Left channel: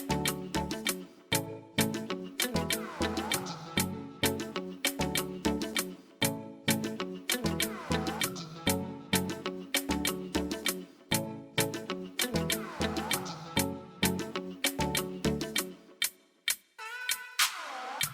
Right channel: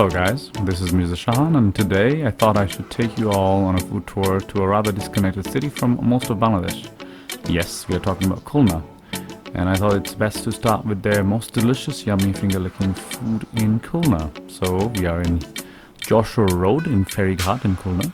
Hello guys, this is Mirza Shahan, and today I thought I should take you all on a food tour to a rather disconnected city from most of Bangladesh. Yes, we are talking about Khulna, and I thought it's best to start with their most delicious, yummy finger-licking food in Khulna. So we are in Joshua Road in Ferryghat in Khulna,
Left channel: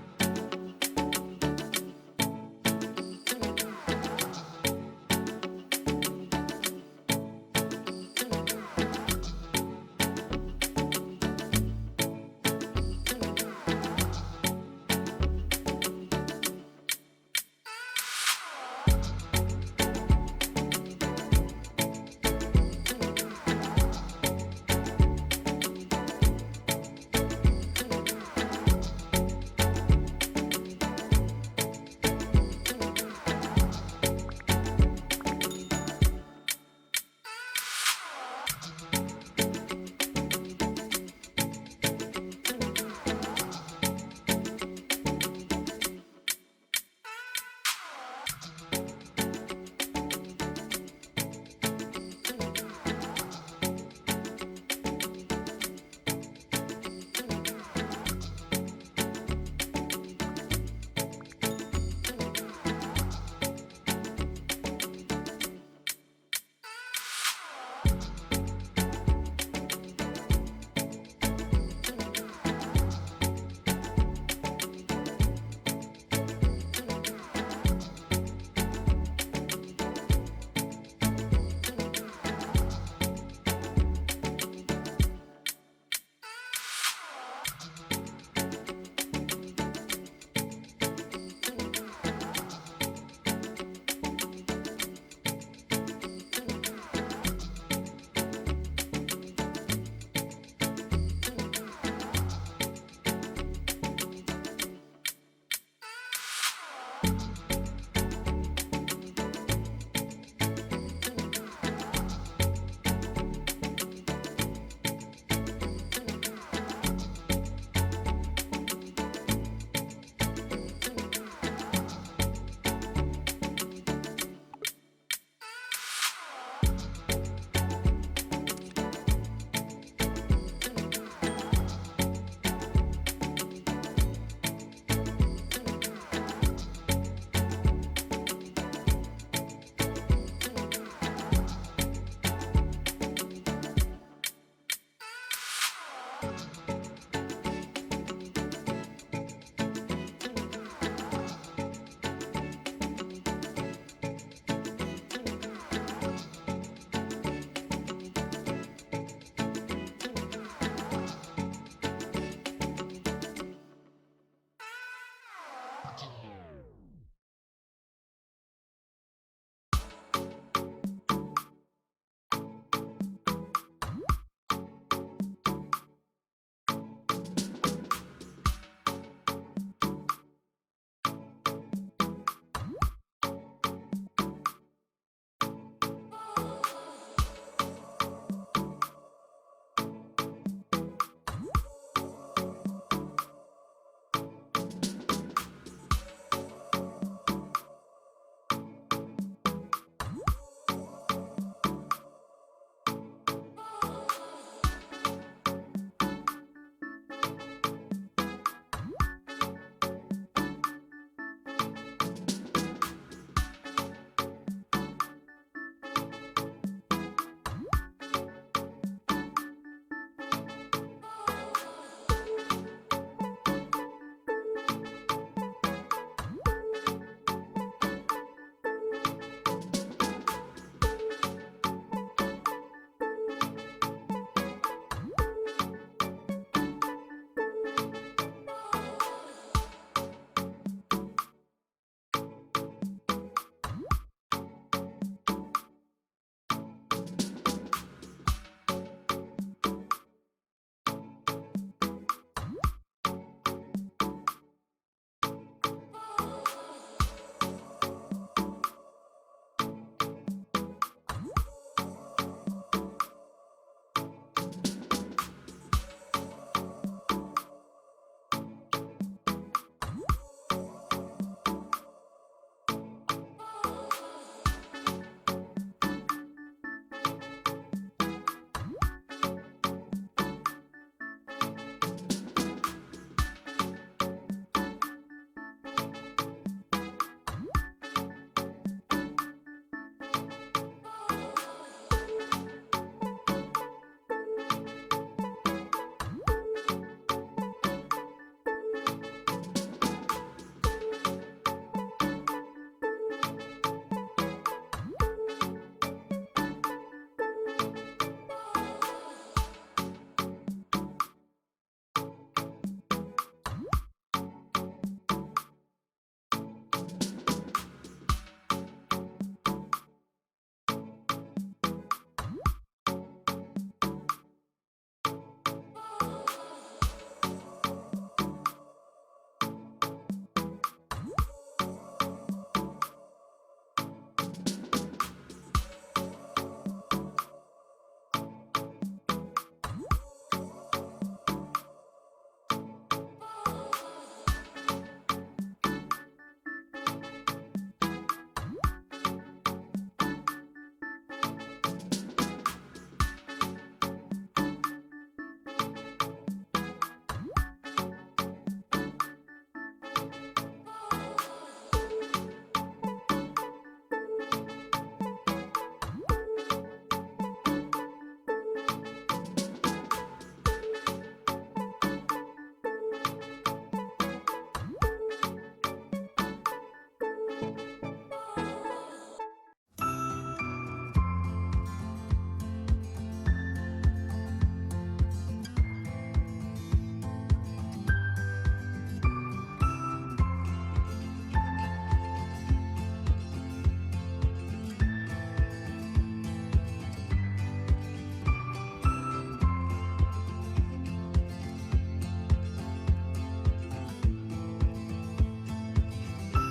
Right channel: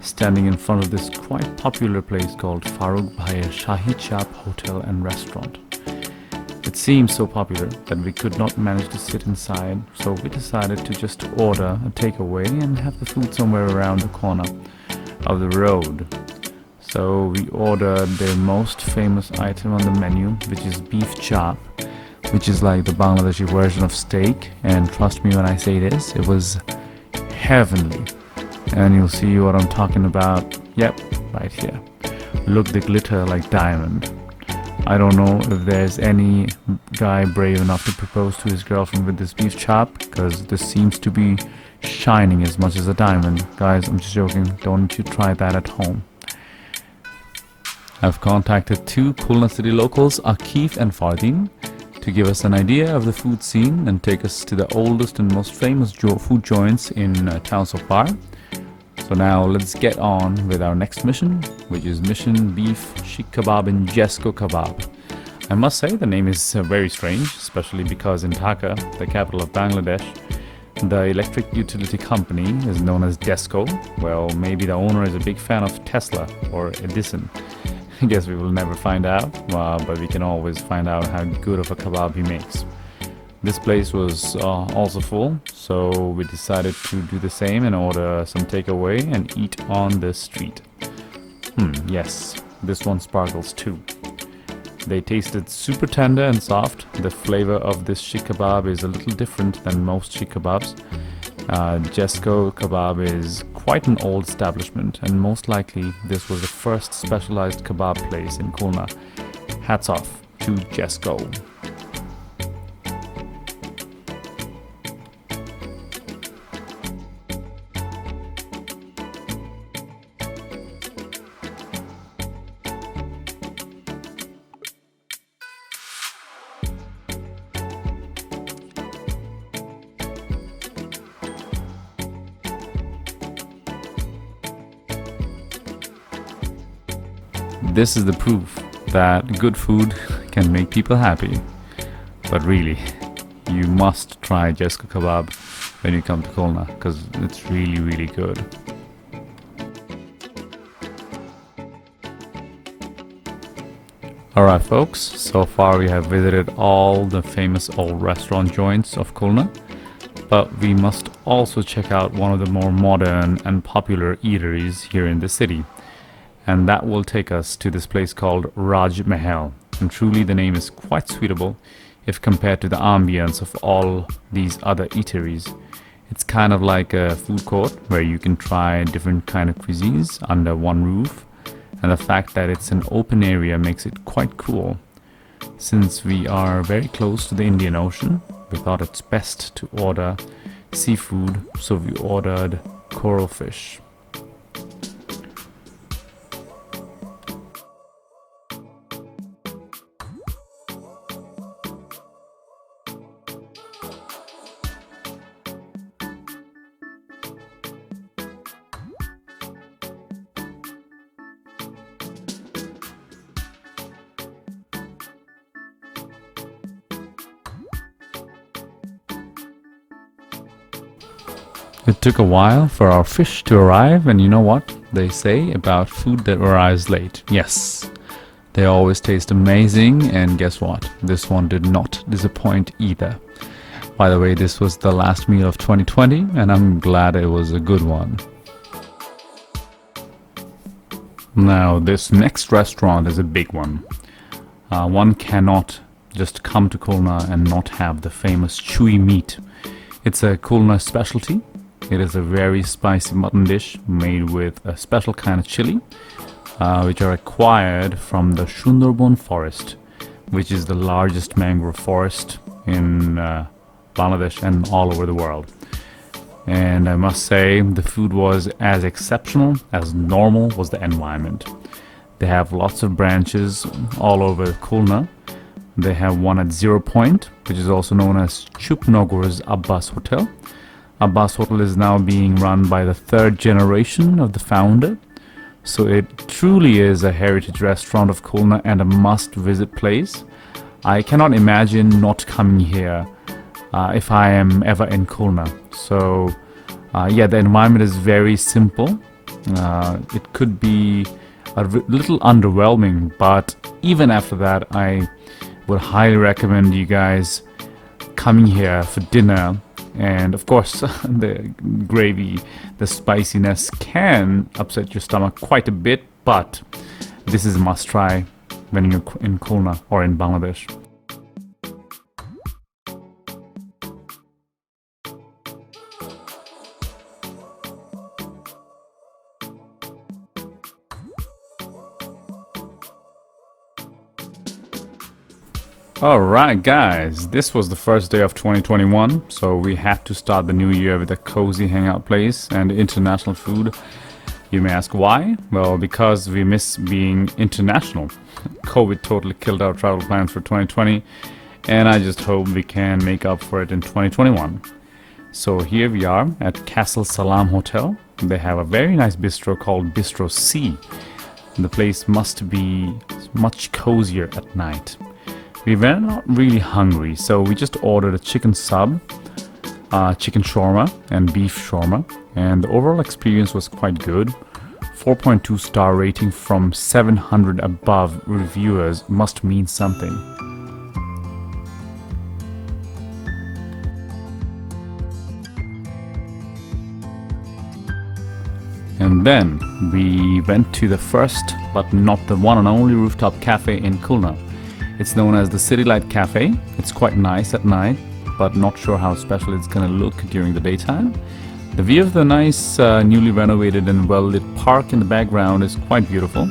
standing in front of this quite popular place called Farooq Bhaiya Shahi Chap Hotel and Restaurant. It seemed so popular that we could not manage to sit inside, so we decided to just order a takeaway and have the food somewhere around the corner of the road. So we ordered their most famous item on the menu, which is beef chop, which is like the Bangladeshi version of steak. And trust me when I say this, it was heavenly. And you'll see what I'm talking about. Yep, right here. Look, the glitter like diamond. I don't know if there's any guy brave enough to propose to his girlfriend with this beef chop, because this seems to be shining as much as a diamond. Guys, I'm just joking. Don't you try that at home. I've contacted two Khulna city locals, Akif and Fardin, to give us an idea of the food scene and take us to the oldest and most famous food joints in town so far. So now let's get on with our next mission, which is Mission Beef Sheikh Kebab in Jesko Kebab. I must say the name is very strange, especially because in Dhaka, the capital of Bangladesh, the electric utility company is known as Jesko. Well, maybe the owner is a big fan of Tesla or Edison. I guess we will never find out, but we can always find out how good of a kebab he makes. This place was also full, so we decided to do the same and order some takeaway and eat on the street. Yes, this one sparkles too. They tasted super tender and soft. The flavor of this sheikh kebab is a little different than most sheikh kebabs. Jesko Kebab is quite an old establishment, and most likely this was the first specialized kebab place in Khulna. Hats off to Jesko. This is the proof that good food can make people happy. But really, you must try Jesko Kebab when you come to Khulna, because it's really, really good. Alright folks, so far we have visited all the famous old restaurant joints of Khulna, but we must also check out one of the more modern and popular eateries here in the city. And that will take us to this place called Raj Mahal. And truly the name is quite suitable if compared to the ambience of all these other eateries. It's kind of like a food court where you can try different kind of cuisines under one roof. And the fact that it's an open area makes it quite cool. Since we are very close to the Indian Ocean, we thought it's best to order seafood, so we ordered coral fish. It took a while for our fish to arrive, and you know what they say about food that arrives late. Yes, they always taste amazing, and guess what? This one did not disappoint either. By the way, this was the last meal of 2020, and I'm glad it was a good one. Now, this next restaurant is a big one. One cannot just come to Khulna and not have the famous chewy meat. It's a Khulna specialty. It is a very spicy mutton dish made with a special kind of chili, which are acquired from the Sundarban forest, which is the largest mangrove forest in Bangladesh and all over the world. And I must say, the food was as exceptional as normal was the environment. They have lots of branches all over Khulna. They have one at Zero Point, which is also known as Chupnogor's Abbas Hotel. Abbas Hotel is now being run by the third generation of the founder. So it truly is a heritage restaurant of Khulna and a must-visit place. I cannot imagine not coming here if I am ever in Khulna. So yeah, the environment is very simple. It could be a little underwhelming, but even after that, I would highly recommend you guys coming here for dinner. And of course, the gravy, the spiciness can upset your stomach quite a bit, but this is a must try when you're in Khulna or in Bangladesh. Alright guys, this was the first day of 2021, so we had to start the new year with a cozy hangout place and international food. You may ask why? Well, because we miss being international. COVID totally killed our travel plans for 2020, and I just hope we can make up for it in 2021. So here we are at Castle Salam Hotel. They have a very nice bistro called Bistro C. The place must be much cozier at night. We were not really hungry, so we just ordered a chicken sub, chicken shawarma and beef shawarma, and the overall experience was quite good. 4.2 star rating from 700 above reviewers must mean something. And then we went to the first but not the one and only rooftop cafe in Khulna. It's known as the City Light Cafe. It's quite nice at night, but not sure how special it's gonna look during the daytime. The view of the nice, newly renovated and well-lit park in the background is quite beautiful.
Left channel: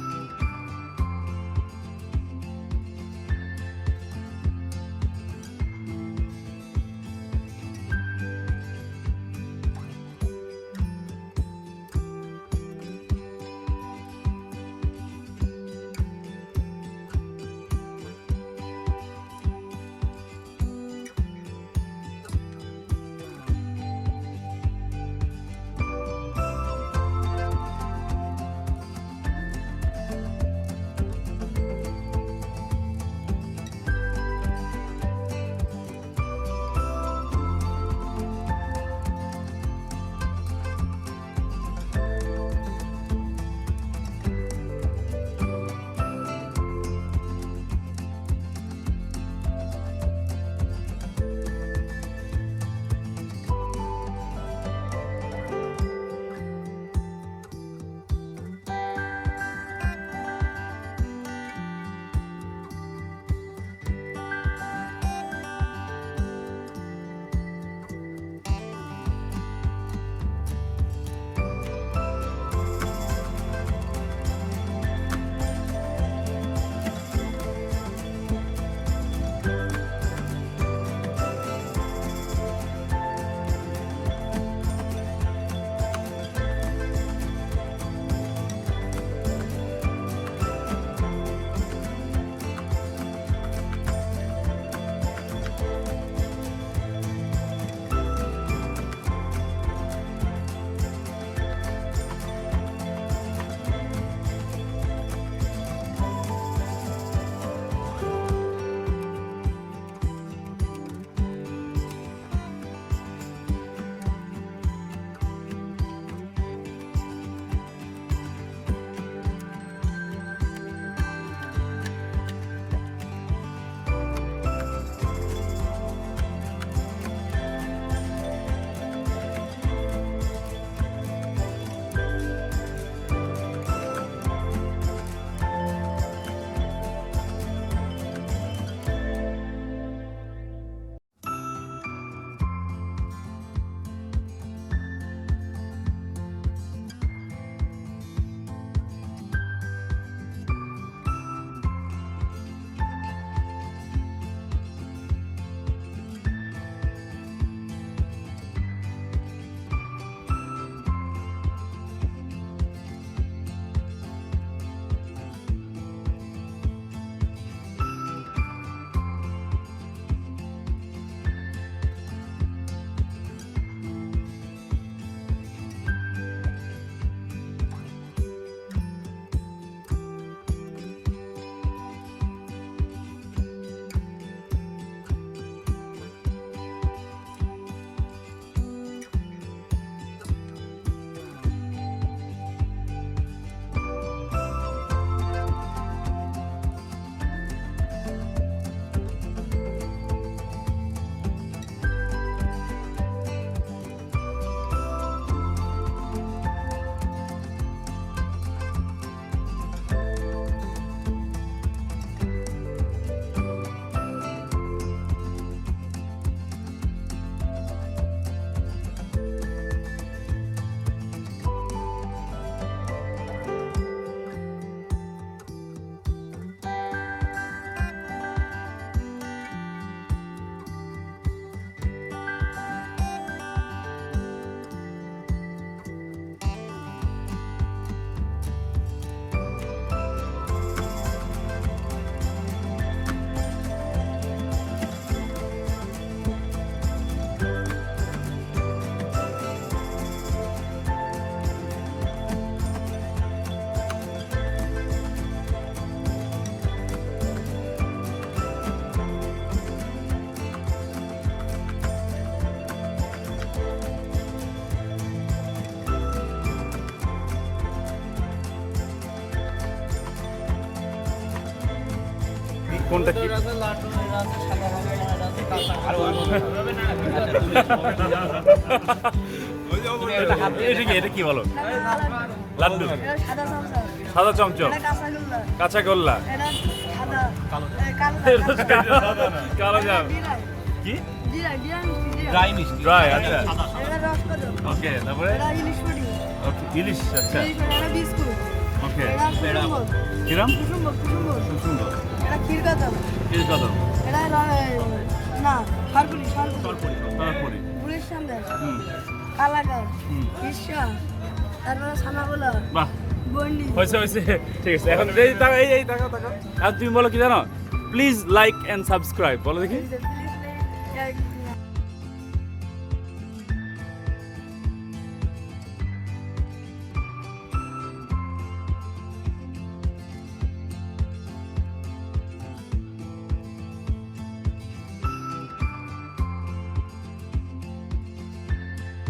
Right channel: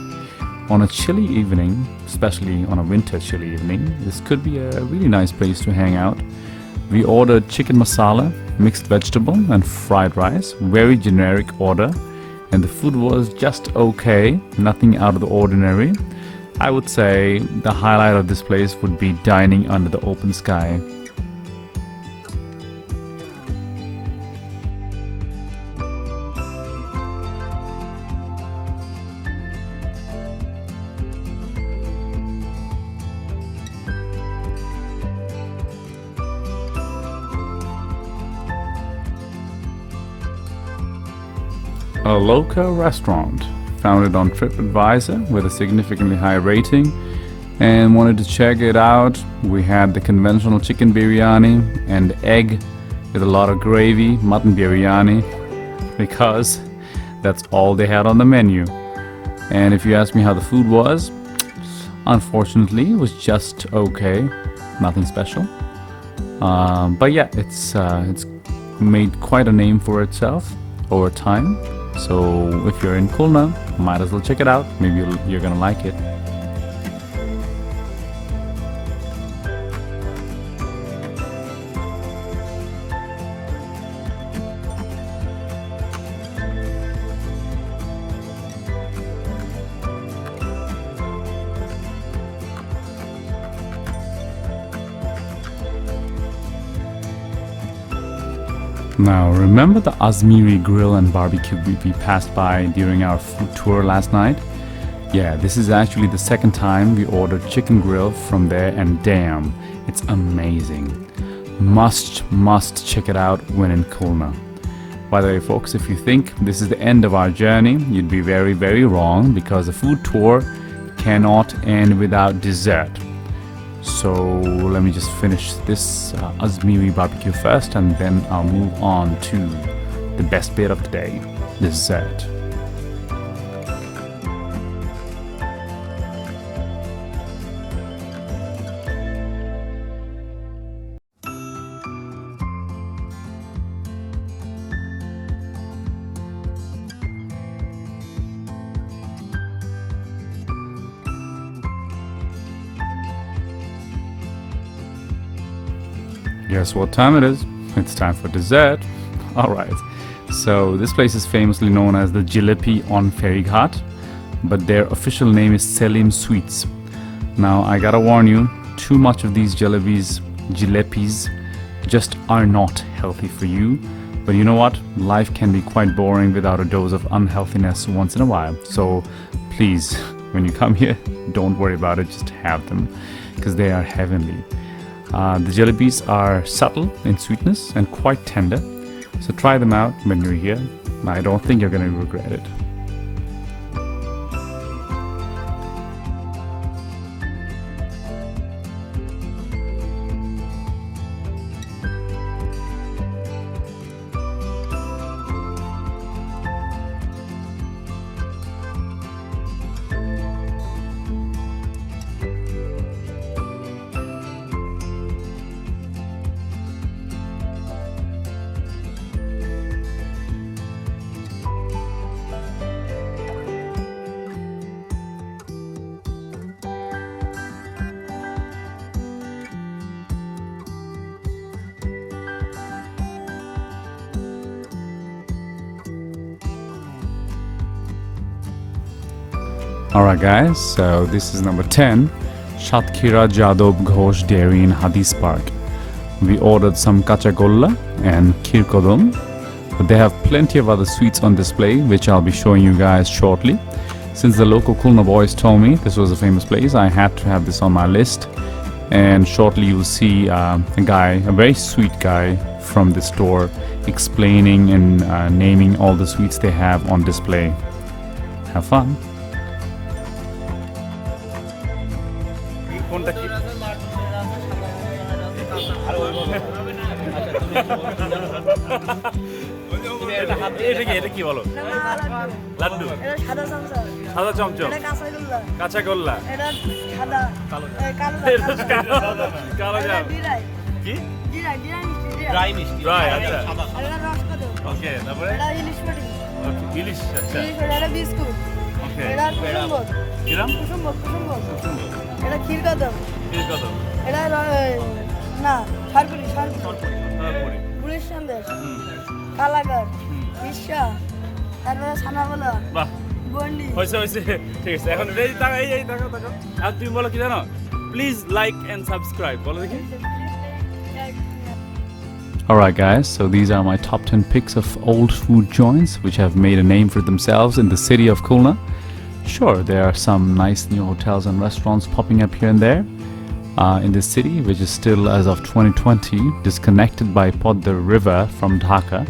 On a chilly evening, especially on a winter chilly evening, this could be a really nice place to hang out. We ordered chicken masala, mixed vegetable and fried rice, very generic order, and the food was just okay, nothing out of the ordinary. I would say the highlight of this place would be dining under the open sky. A local restaurant found it on TripAdvisor with a significantly high rating and wanted to check it out. We had the conventional chicken biryani and egg with a lot of gravy, mutton biryani, because that's all they had on the menu. And if you ask me how the food was, unfortunately it was just okay, nothing special. But yeah, it's made quite a name for itself over time. So if you're in Khulna, might as well check it out. Maybe you're gonna like it. Now, remember the Azmiri Grill and Barbecue we passed by during our food tour last night? Yeah, this is actually the second time we ordered chicken grill from there, and damn, it's amazing. Must check it out when in Khulna. By the way, folks, if you think this is the end of our journey, you'd be very wrong, because a food tour cannot end without dessert. So let me just finish this Azmiri barbecue first, and then I'll move on to the best bit of the day, dessert. Guess what time it is? It's time for dessert. Alright, so this place is famously known as the Jalebi on Ferryghat, but their official name is Selim Sweets. Now I gotta warn you, too much of these jalebis just are not healthy for you. But you know what? Life can be quite boring without a dose of unhealthiness once in a while. So please, when you come here, don't worry about it, just have them because they are heavenly. The jalebis are subtle in sweetness and quite tender. So try them out when you're here. I don't think you're going to regret it. Alright guys, so this is number 10, Shatkira Jadov Ghosh Dairy in Hadis Park. We ordered some kachagolla and kheer kodam, but they have plenty of other sweets on display which I'll be showing you guys shortly. Since the local Khulna boys told me this was a famous place, I had to have this on my list, and shortly you'll see a very sweet guy from the store explaining and naming all the sweets they have on display. Have fun! কোনটা কি এটা কি বলো লাড্ডু সাদা চমচম কাঁচা গোল্লা কালো জাম কি ড্রাই আচ্ছা ওকে তারপরে ওকে ইলিশ আচ্ছা ওকে কিরাম এটা ক্ষীর কদম এটা না সরপুরি পুলিশ সন্দেশ কালাকার ইশা তারপরে ছানা বলো বাহ বন্ডি হইছে ঠিক আছে এখন এই তাকাও আর তুমি বলো কি জানো প্লিজ লাইক এন্ড সাবস্ক্রাইব বলো দেখি Alright guys, so these are my top 10 picks of old food joints which have made a name for themselves in the city of Khulna. Sure, there are some nice new hotels and restaurants popping up here and there in this city, which is still, as of 2020, disconnected by Podda River from Dhaka.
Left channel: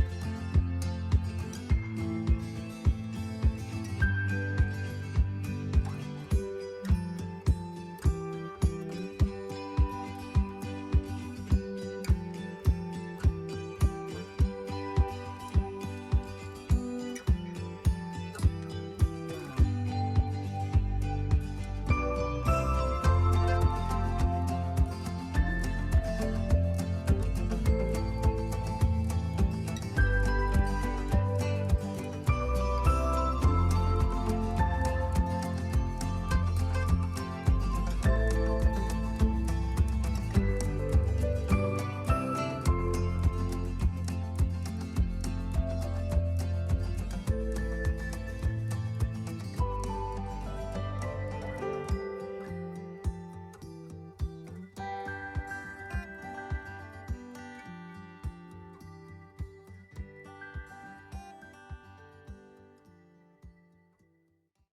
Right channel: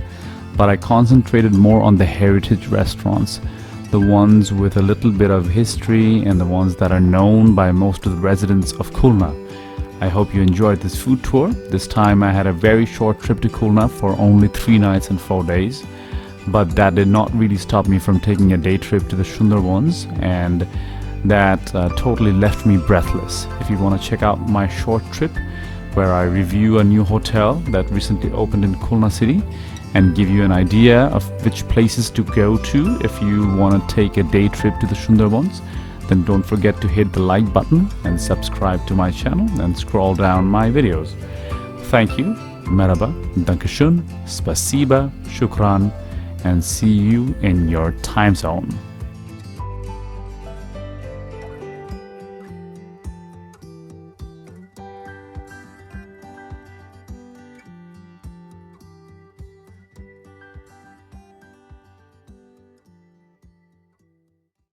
But I concentrated more on the heritage restaurants, the ones with a little bit of history and the ones that are known by most of the residents of Khulna. I hope you enjoyed this food tour. This time I had a very short trip to Khulna for only 3 nights and 4 days. But that did not really stop me from taking a day trip to the Sundarbans, and that totally left me breathless. If you want to check out my short trip where I review a new hotel that recently opened in Khulna city and give you an idea of which places to go to if you want to take a day trip to the Sundarbans, then don't forget to hit the like button and subscribe to my channel and scroll down my videos. Thank you, merhaba, dankeschön, spasiba, shukran, and see you in your time zone.